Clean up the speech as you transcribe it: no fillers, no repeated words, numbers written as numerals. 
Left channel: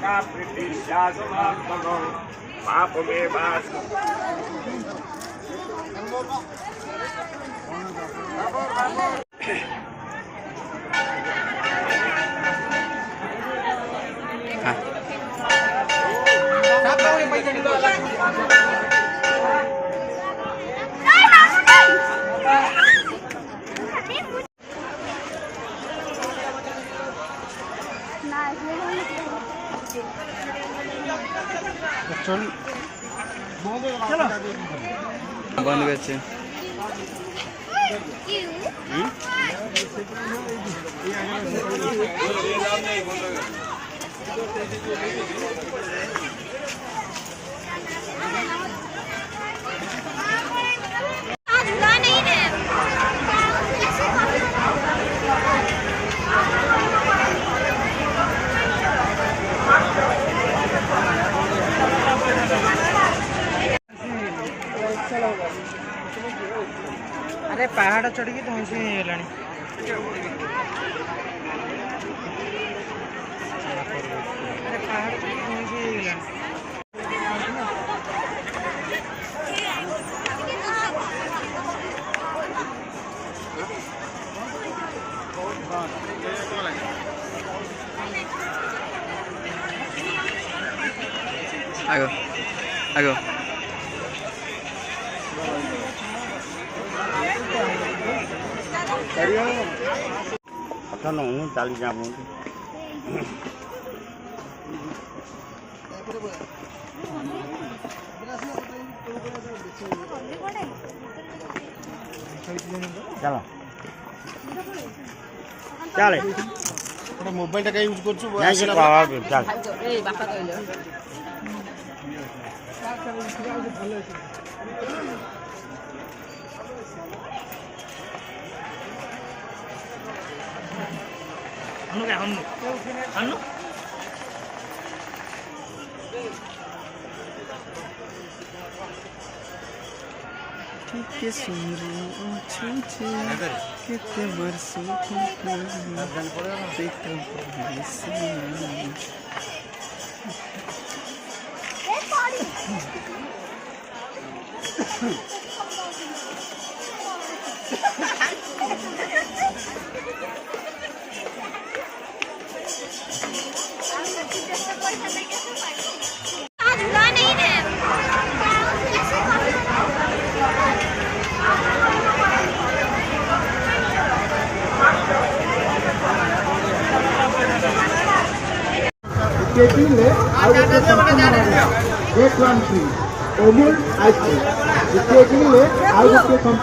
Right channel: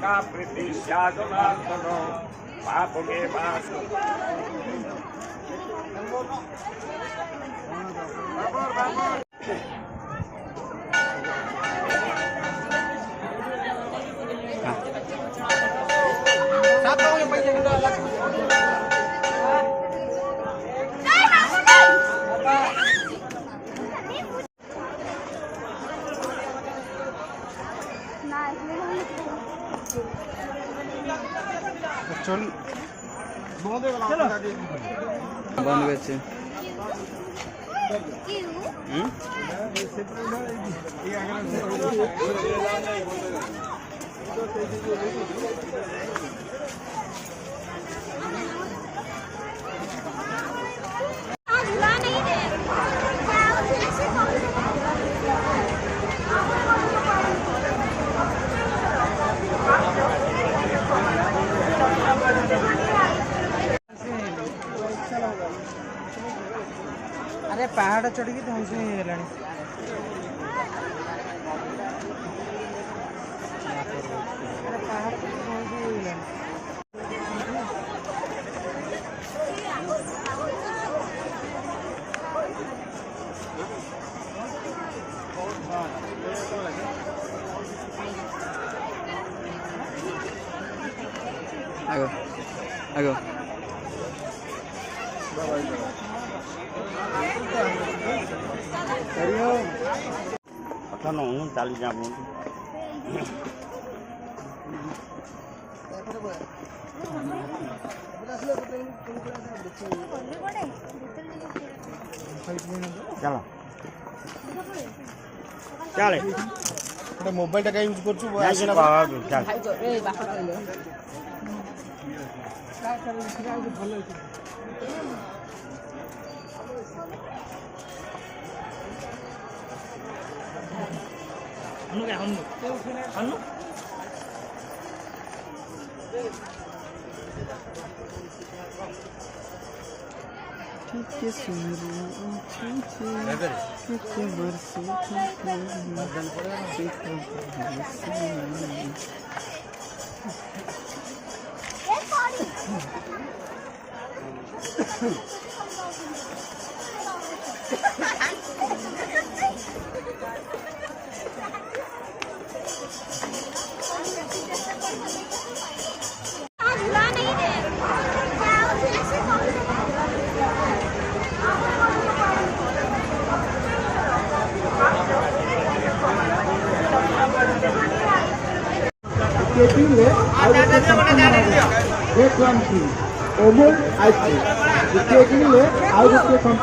का प्रीति पाप में बंद করছে अरे पहाड़ चढ़ के तुम से अरे पहाड़ चढ़ के तुम से आगो आगो अच्छा नहीं चाली जाने चलो चले मोबाइल का यूज कर के सुंदरी कितने बरसों Old ice cream.